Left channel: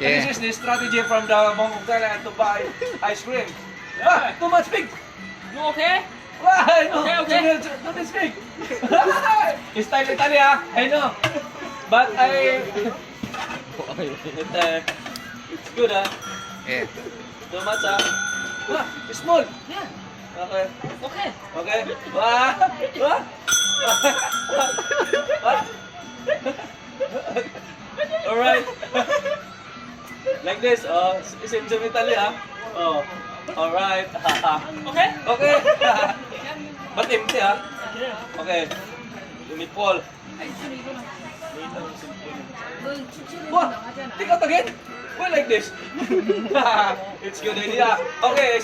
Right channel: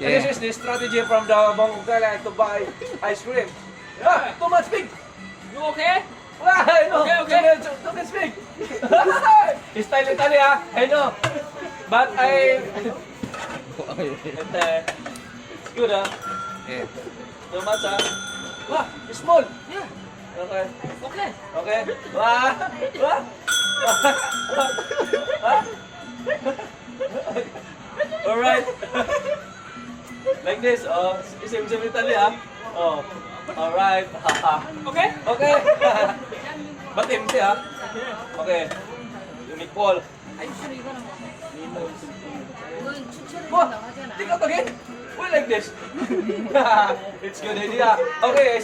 Yeah. This is the strategy from the Mongol Thailand to buy ice cream. Ah, too much big. You okay? Ah, I know. Okay. Don't speak. It's time Italy, ah. I know. But it's good, ah. Yeah. Too much, ah. Ah, it's small. Yeah. Okay. Okay. Okay. Wah. Wah. Wah. Alright. Like this, oh. Same Italy, ah. Oh. Alright. Okay? Okay. But empty, ah. Okay. You meet Paul. What? Take out again? Why like this? It's good idea. Okay,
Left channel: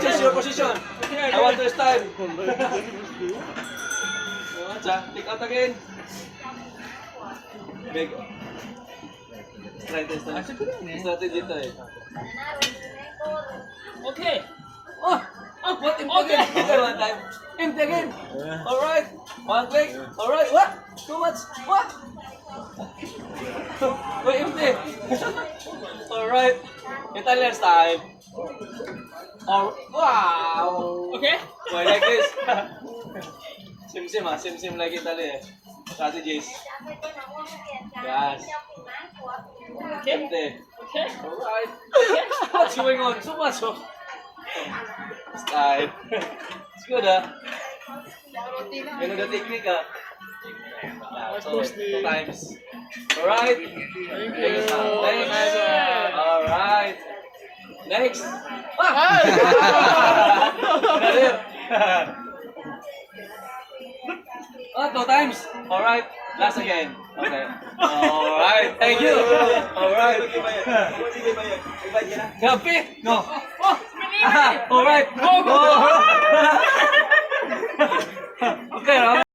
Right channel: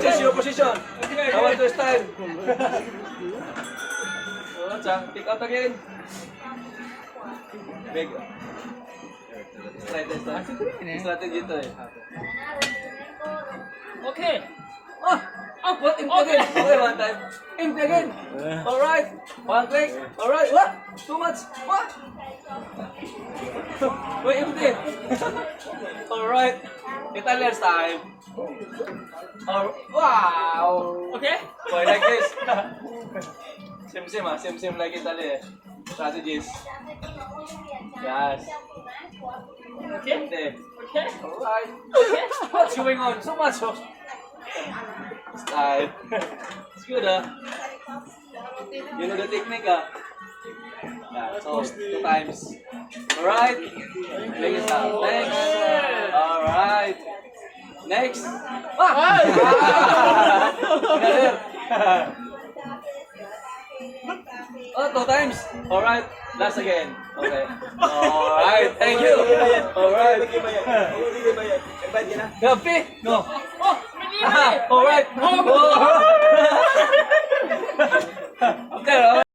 change your position. I want to style. Take out again. Big. Strategy ito eh. Okay. Oh! Oh, what? Empty again. Okay, one time. Empty again. Alright. One click. Alright. What? Too much. What? Wait, empty. Alright. Italian style. Wow. Okay? Why like this? Same ah. Same like Italy eh. Strategies. Yes. Okay? Empty. Okay? Alright. What's going on? So much. Oh. Style. It's good, ah. You know the technique, ah. Yeah, so, 2 times. Alright. Next. Alright. Next. Ah! Galing. Oh, 2 times. Alright. Last again. Okay. Alright. Thank you. Alright. Grabe. No. Oh! Alright. Okay,